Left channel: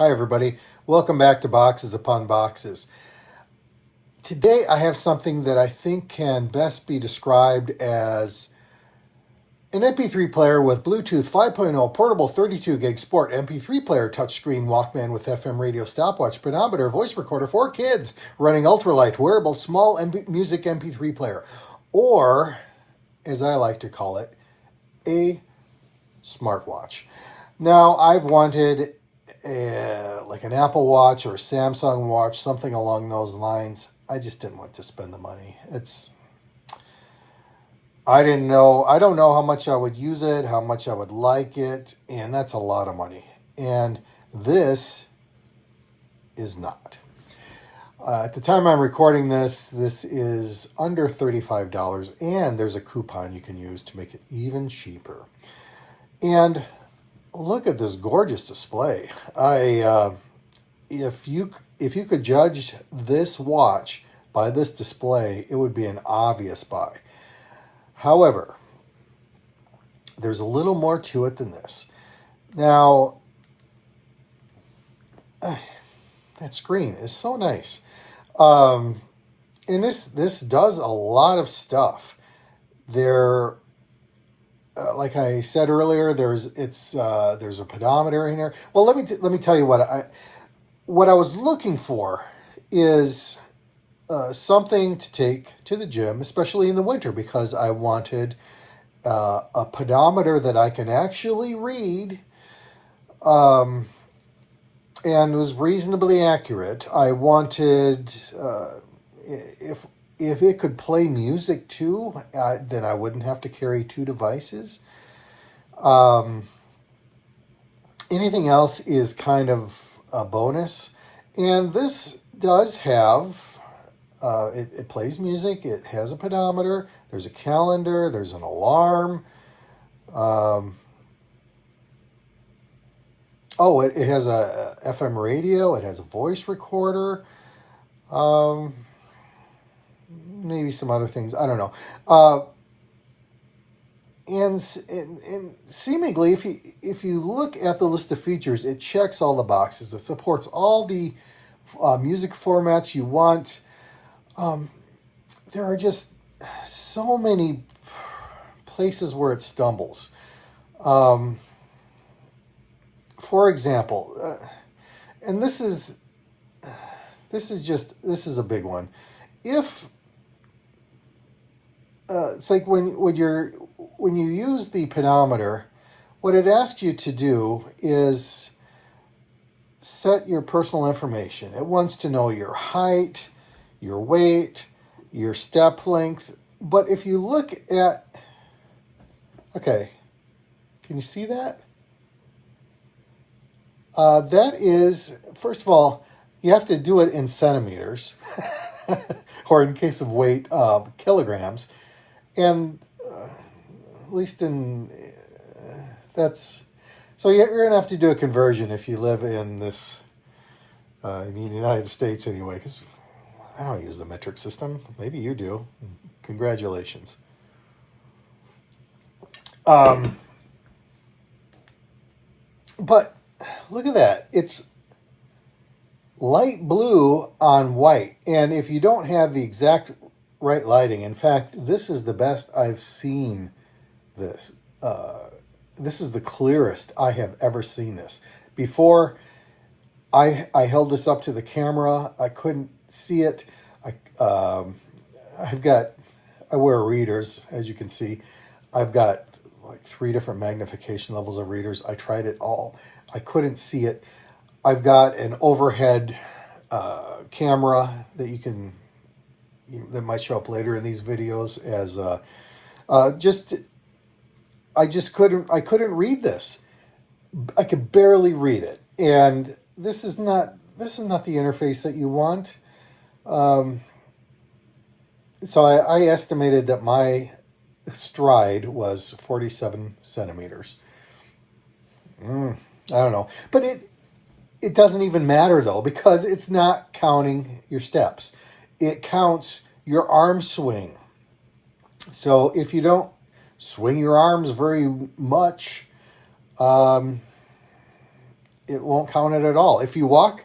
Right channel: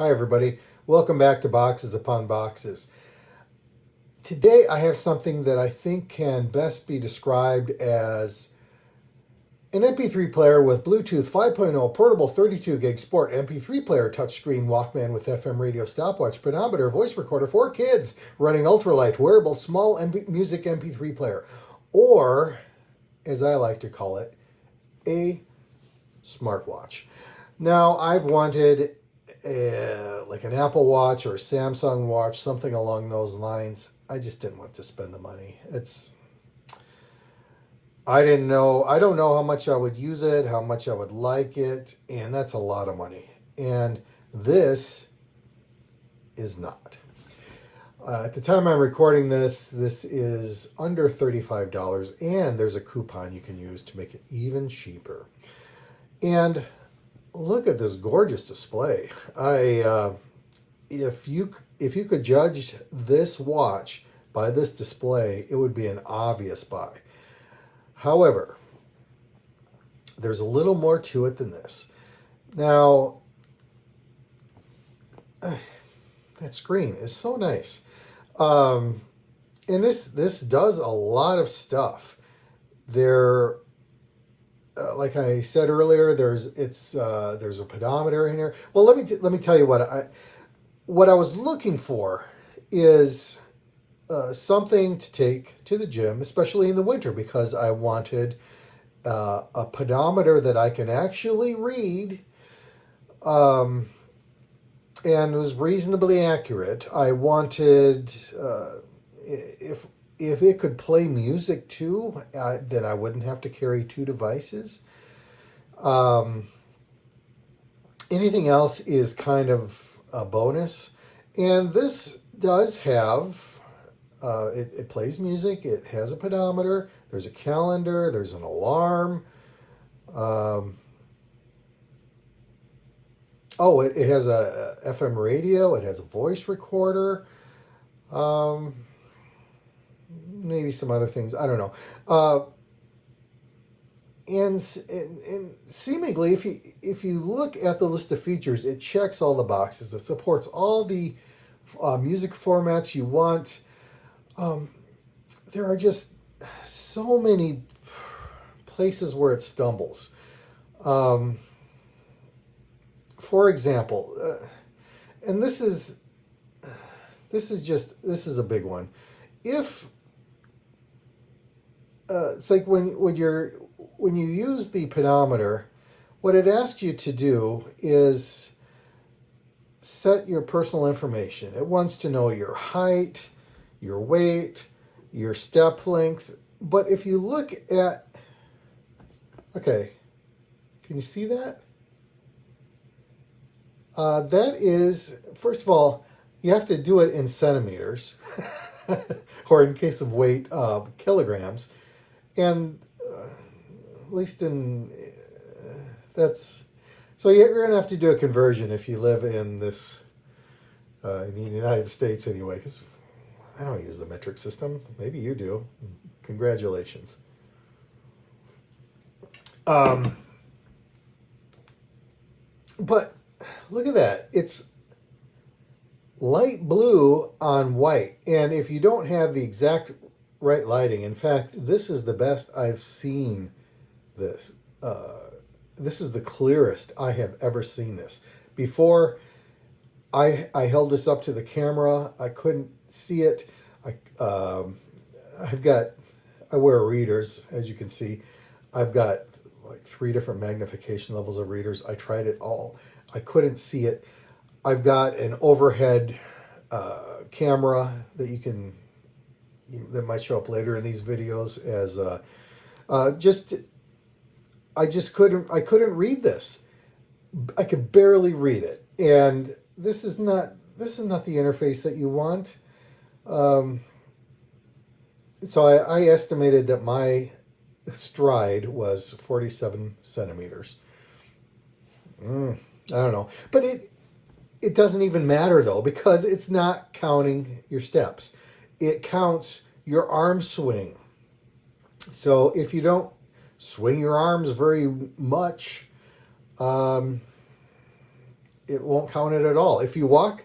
Hi everybody, welcome back to Boxes Upon Boxes. Today I have something that I think can best be described as an MP3 player with Bluetooth 5.0 portable 32 gig sport MP3 player, touchscreen, Walkman with FM radio, stopwatch, pedometer, voice recorder for kids, running ultralight, wearable, small music MP3 player, or as I like to call it, a smartwatch. Now I've wanted like an Apple Watch or a Samsung Watch, something along those lines. I just didn't want to spend the money. I don't know how much I would use it, how much I would like it, and that's a lot of money. And this is not. At the time I'm recording this is under $35, and there's a coupon you can use to make it even cheaper. And look at this gorgeous display. If you could judge this watch by this display, it would be an obvious buy. However, there's a little more to it than this. Now, that screen is so nice. And this does a lot of stuff. Like I said earlier, there's a pedometer in here. Well, let me tell you what I was looking for is something to take to the gym, especially in the winter, because I wanted a pedometer that I can actually read, and was reasonably accurate. I wanted if it could play music too, then I wouldn't have to carry two devices. Anything else is kind of a bonus. And this does have, it plays music, it has a pedometer, there's a calendar, there's an alarm. It has a FM radio, it has a voice recorder. Maybe some other things, I don't know. And seemingly, if you look at the list of features, it checks all the boxes. It supports all the music formats you want. There are just so many places where it stumbles. For example, and this is a big one. If it's like when you use the pedometer, what it asks you to do is set your personal information. It wants to know your height, your weight, your step length. But if you look at, okay, can you see that? That is, first of all, you have to do it in centimeters, or in case of weight, kilograms. And at least in, so you're going to have to do a conversion if you live in this, in the United States anyway, because I don't use the metric system. Maybe you do. Congratulations. But look at that. It's light blue on white. And if you don't have the exact right lighting, in fact, this is the best I've seen this. This is the clearest I have ever seen this. Before I held this up to the camera, I couldn't see it. I wear readers, as you can see. I've got like 3 different magnification levels of readers. I tried it all. I couldn't see it. I've got an overhead camera that that might show up later in these videos as I couldn't read this. I could barely read it. And this is not the interface that you want. So I estimated that my stride was 47 centimeters. I don't know. But it doesn't even matter though, because it's not counting your steps. It counts your arm swing. So if you don't swing your arms very much, it won't count it at all. If you walk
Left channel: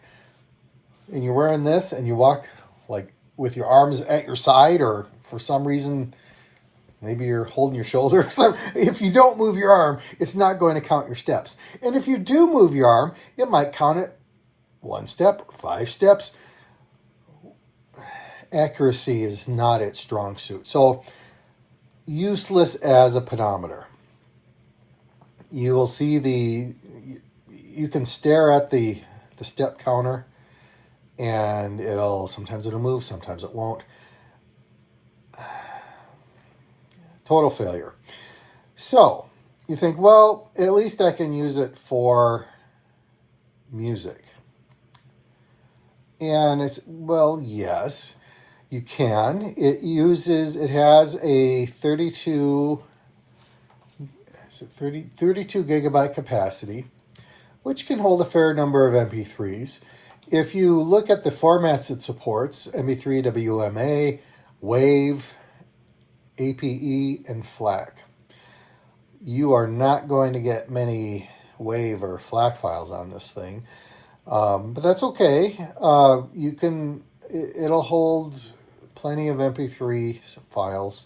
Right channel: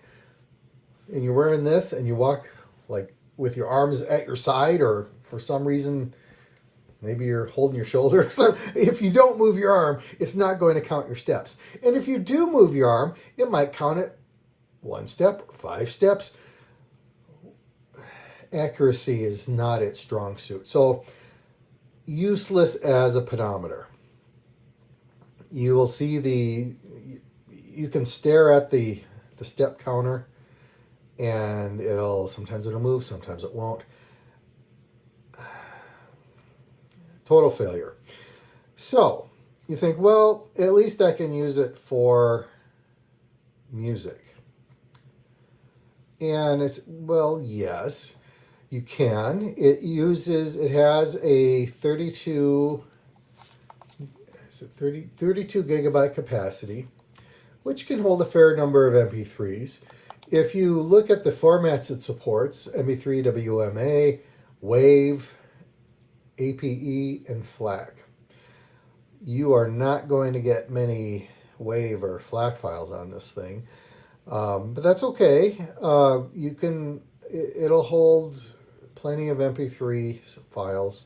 and you're wearing this and you walk like with your arms at your side, or for some reason, maybe you're holding your shoulder. So if you don't move your arm, it's not going to count your steps. And if you do move your arm, it might count it 1 step, 5 steps. Accuracy is not its strong suit. So useless as a pedometer. You will see you can stare at the step counter, and sometimes it'll move, sometimes it won't. Total failure. So you think, well, at least I can use it for music. And it's, well, yes, you can. It has a 32 gigabyte capacity, which can hold a fair number of MP3s. If you look at the formats it supports, MP3, WMA, WAV, APE, and FLAC, you are not going to get many WAV or FLAC files on this thing. But that's okay. It'll hold plenty of MP3 files.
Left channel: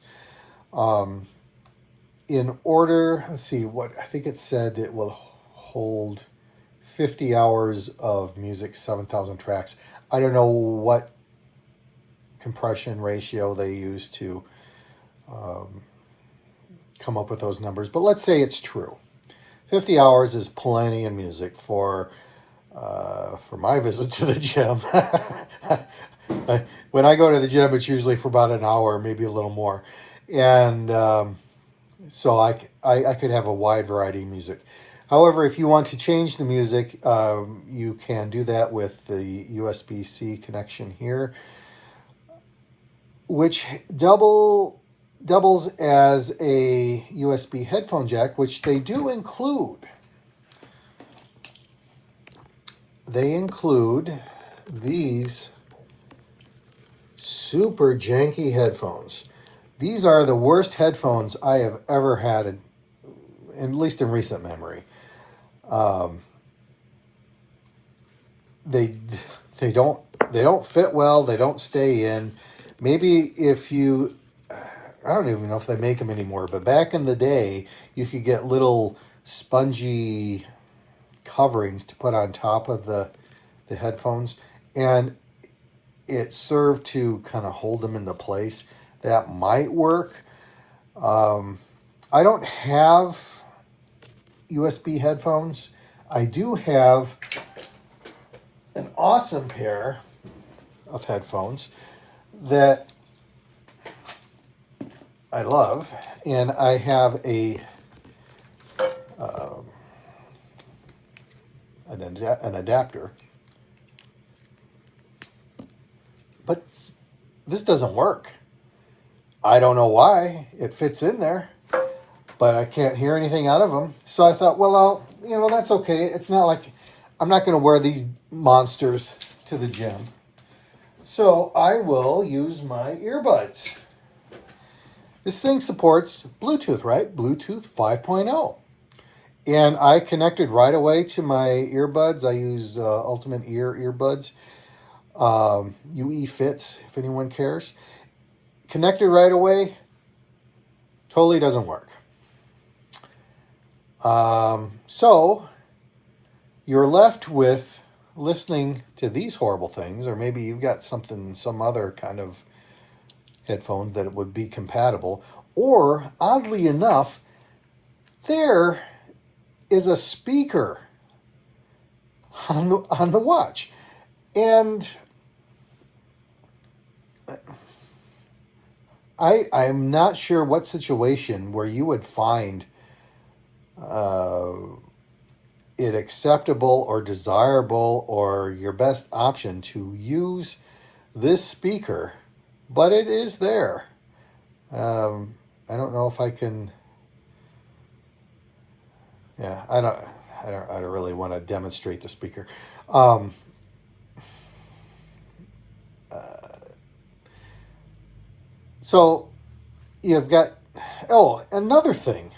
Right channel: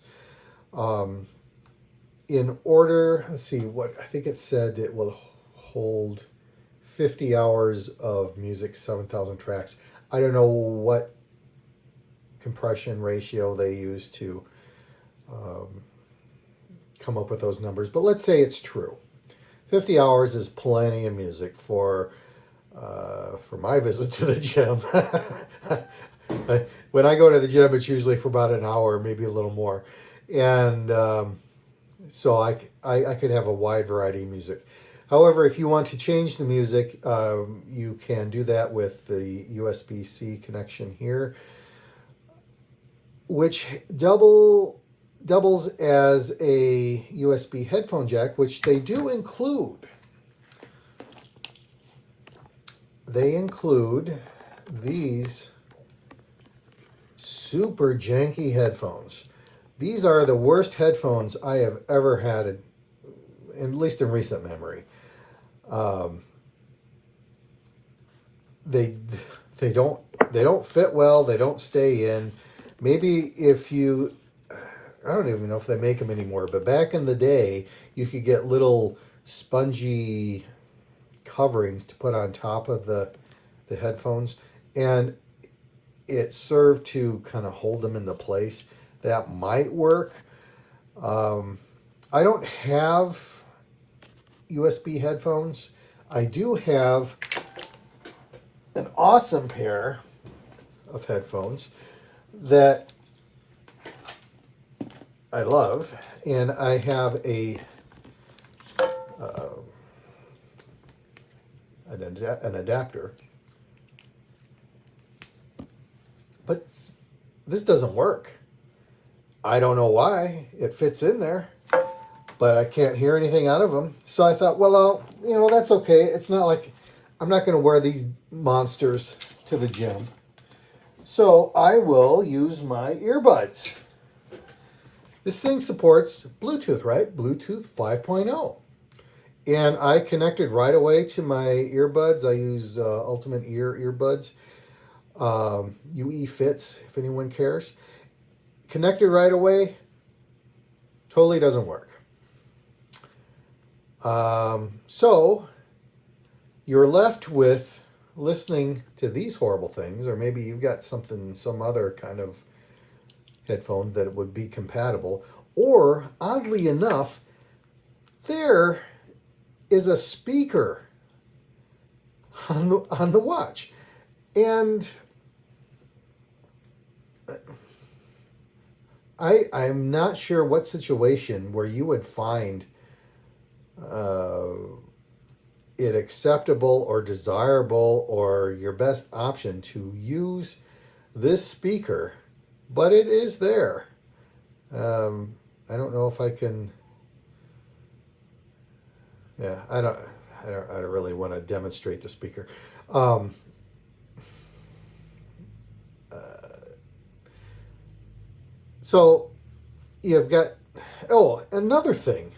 In order, let's see, I think it said it will hold 50 hours of music, 7,000 tracks. I don't know what compression ratio they use to come up with those numbers, but let's say it's true. 50 hours is plenty of music for my visit to the gym. When I go to the gym, it's usually for about an hour, maybe a little more. And so I could have a wide variety of music. However, if you want to change the music, you can do that with the USB-C connection here, which doubles as a USB headphone jack, which they do include. They include these super janky headphones. These are the worst headphones I have ever had, at least in recent memory. They don't fit well. They don't stay in. Maybe if you, I don't even know if they make them anymore, but back in the day, you could get little spongy coverings to put on top of the headphones, and it served to kind of hold them into place. That might work. I don't have USB headphones. I do have an awesome pair of headphones that I love, and I have an adapter, but this doesn't work. I don't know why. It fits in there, but I can't hear anything out of them. So I thought, well, that's okay. It's not like I'm not going to wear these monsters to the gym. So I will use my earbuds. This thing supports Bluetooth, right? Bluetooth 5.0. And I connected right away to my earbuds. I use Ultimate Ear earbuds. UE Fits, if anyone cares. Connected right away. Totally doesn't work. So you're left with listening to these horrible things, or maybe you've got some other kind of headphone that would be compatible, or oddly enough, there is a speaker on the watch, and I'm not sure what situation where you would find it acceptable or desirable or your best option to use this speaker, but it is there. I don't know if I can. Yeah, I don't really want to demonstrate the speaker. So you've got, another thing.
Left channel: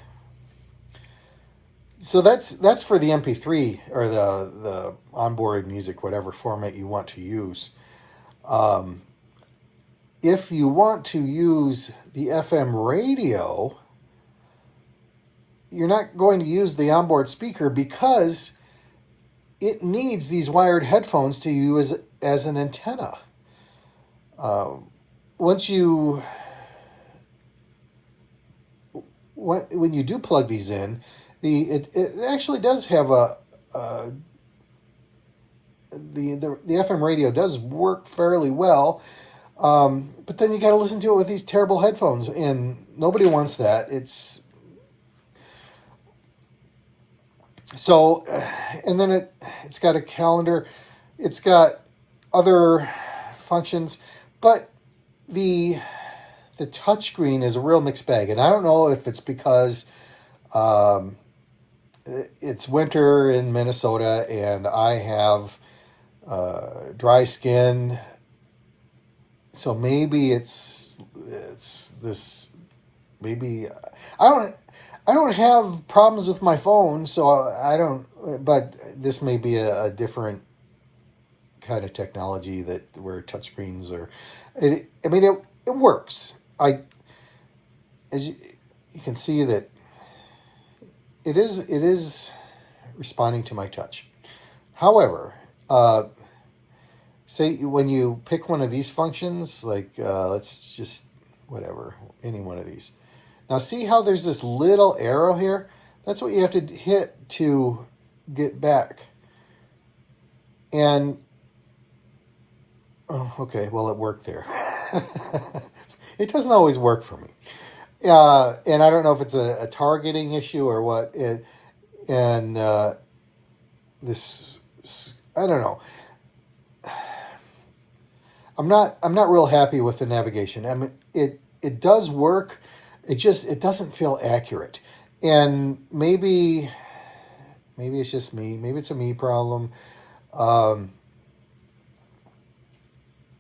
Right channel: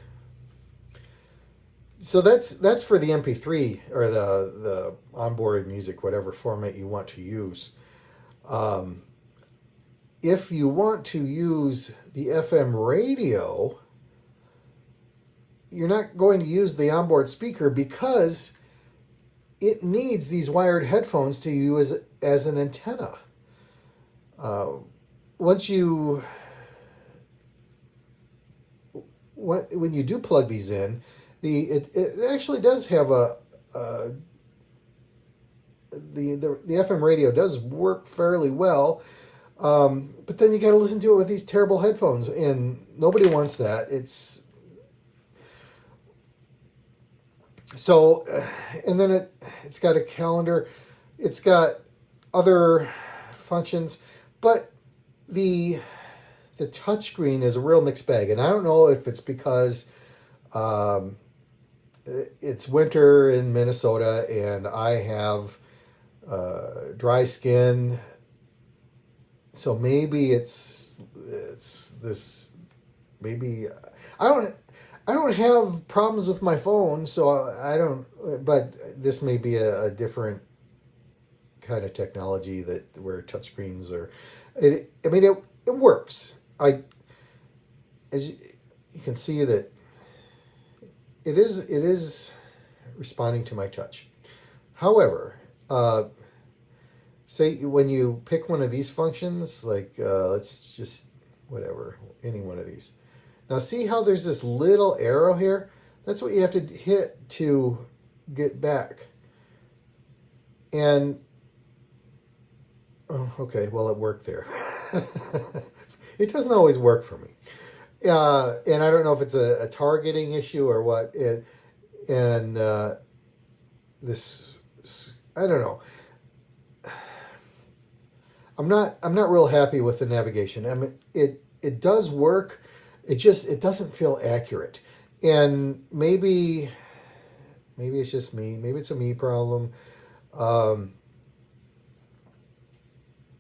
So that's for the MP3 or the onboard music, whatever format you want to use. If you want to use the FM radio, you're not going to use the onboard speaker because it needs these wired headphones to use as an antenna. When you do plug these in, it actually does have the FM radio does work fairly well, but then you got to listen to it with these terrible headphones, and nobody wants that. So, and then it's got a calendar, it's got other functions, but the touchscreen is a real mixed bag, and I don't know if it's because it's winter in Minnesota and I have dry skin, so maybe it's this. Maybe I don't have problems with my phone, so I don't. But this may be a different kind of technology where touchscreens are. It works. As you can see that it is responding to my touch. However, say when you pick one of these functions, like let's just any one of these. Now see how there's this little arrow here? That's what you have to hit to get back. And, oh, okay, well, it worked there. It doesn't always work for me. And I don't know if it's a targeting issue or what. This, I don't know. I'm not real happy with the navigation. I mean, it does work. It doesn't feel accurate. And maybe it's just me. Maybe it's a me problem.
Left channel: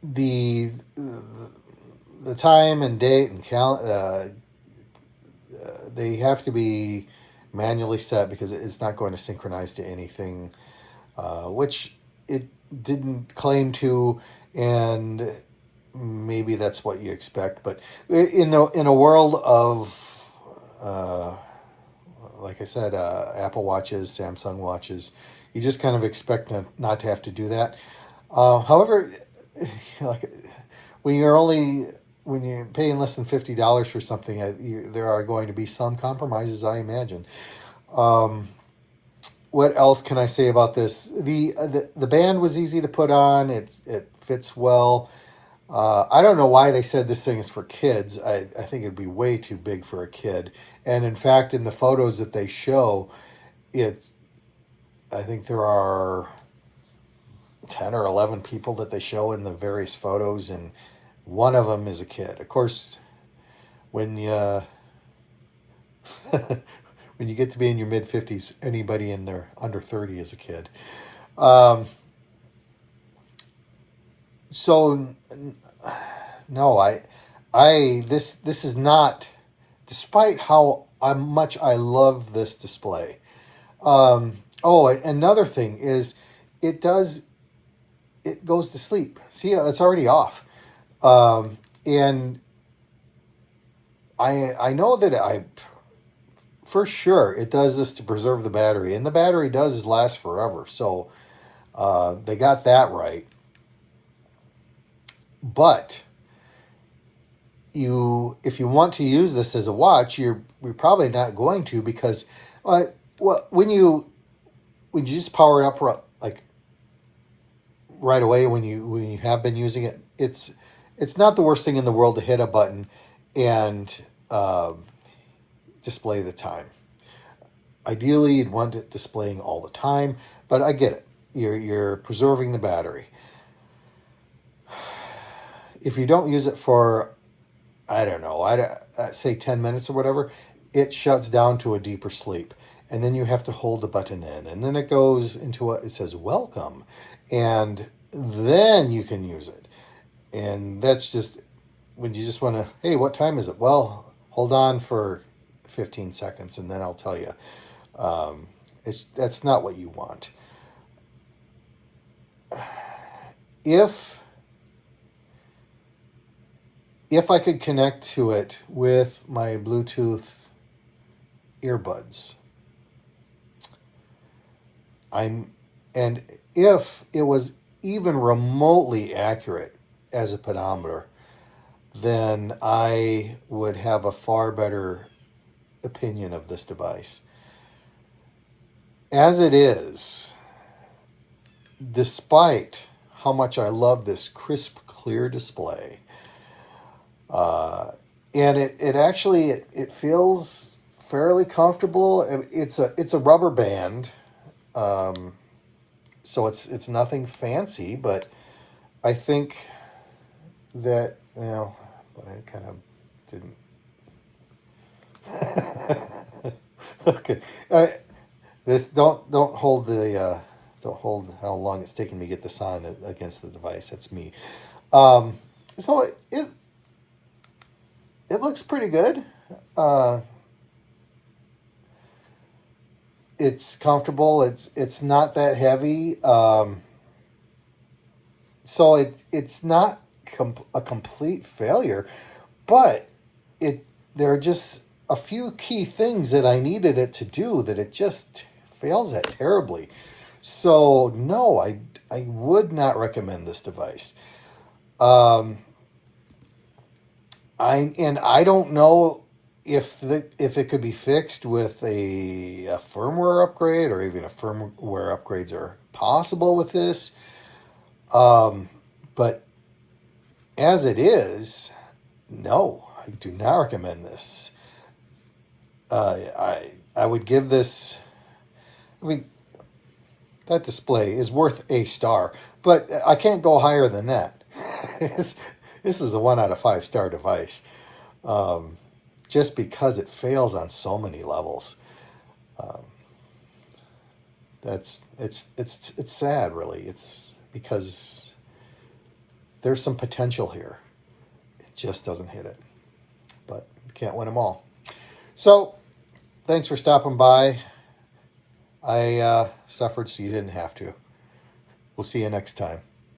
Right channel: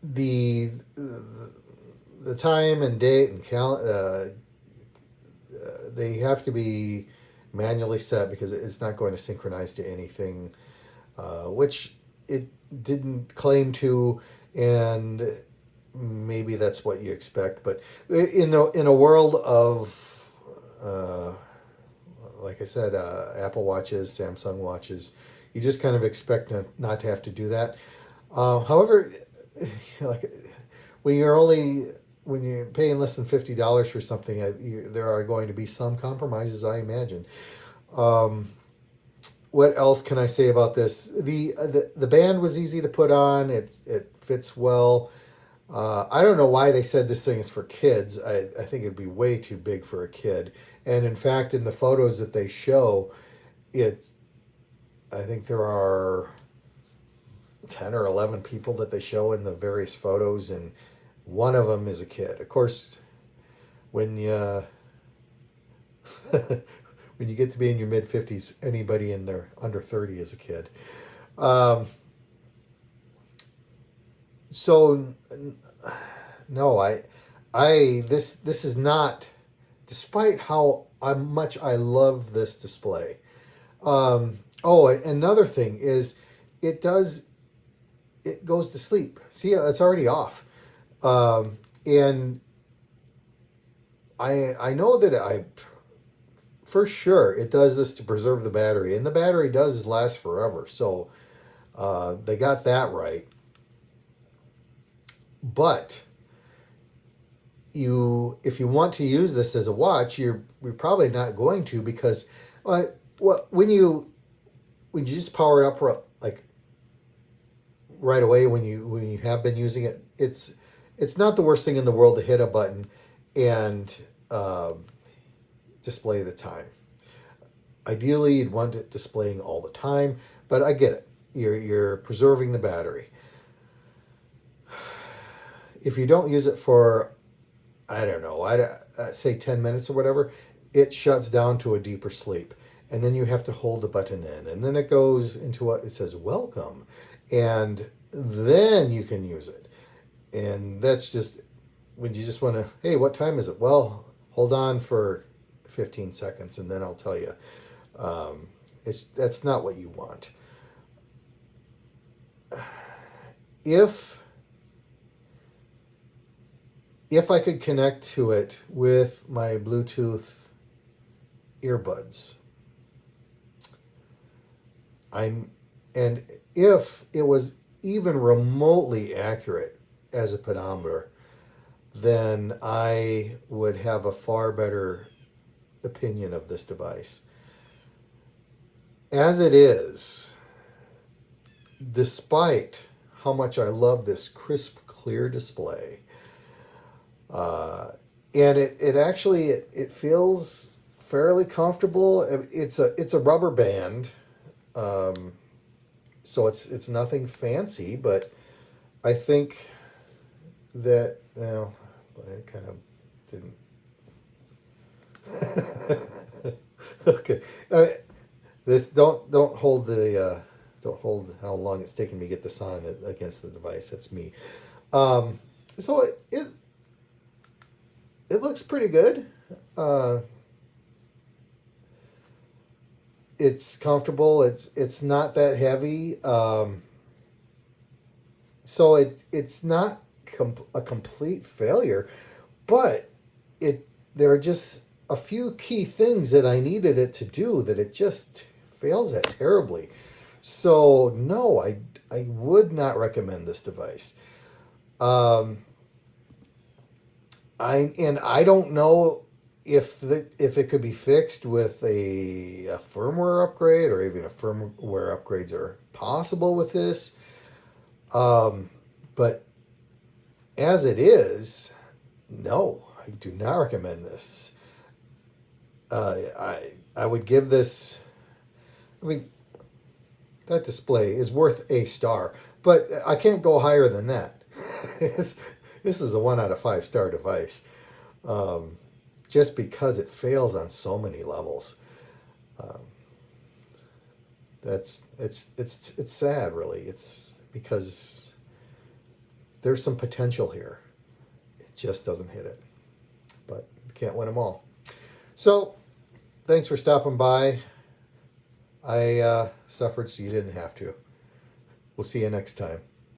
The time and date and they have to be manually set because it's not going to synchronize to anything, which it didn't claim to, and maybe that's what you expect. But in a world of like I said, Apple Watches, Samsung Watches, you just kind of expect not to have to do that. However, like when you're paying less than $50 for something, there are going to be some compromises, I imagine. What else can I say about this? The band was easy to put on. It fits well. I don't know why they said this thing is for kids. I think it'd be way too big for a kid. And in fact, in the photos that they show, I think there are 10 or 11 people that they show in the various photos, and one of them is a kid. Of course, when you when you get to be in your mid-50s, anybody in their under 30 is a kid. So no, this is not, despite how much I love this display. Oh, another thing is it goes to sleep. See, it's already off. And I know that for sure it does this to preserve the battery, and the battery does last forever. So they got that right. But if you want to use this as a watch, we're probably not going to, because when you just power it up like right away when you have been using it, it's not the worst thing in the world to hit a button and display the time. Ideally, you'd want it displaying all the time, but I get it. You're preserving the battery. If you don't use it for, I don't know, say 10 minutes or whatever, it shuts down to a deeper sleep. And then you have to hold the button in. And then it goes into it says, welcome. And then you can use it. And that's just when you just want to, hey, what time is it? Well, hold on for 15 seconds and then I'll tell you. That's not what you want. If I could connect to it with my Bluetooth earbuds, and if it was even remotely accurate as a pedometer, then I would have a far better opinion of this device. As it is, despite how much I love this crisp, clear display, and it actually it feels fairly comfortable. It's a rubber band, so it's nothing fancy, but I think that, but I kind of didn't. Okay, this don't hold don't hold how long it's taken me to get this on against the device. That's me. So it looks pretty good. It's comfortable. It's not that heavy. So it's not a complete failure, but there are just a few key things that I needed it to do that it just fails at terribly. So no, I would not recommend this device. I don't know if it could be fixed with a firmware upgrade, or even a firmware upgrades are possible with this. But as it is, no, I do not recommend this. I would give this, that display is worth a star, but I can't go higher than that. This is a 1 out of 5 star device, just because it fails on so many levels. It's sad, really. It's because there's some potential here. It just doesn't hit it, but you can't win them all. So thanks for stopping by. I suffered so you didn't have to. We'll see you next time.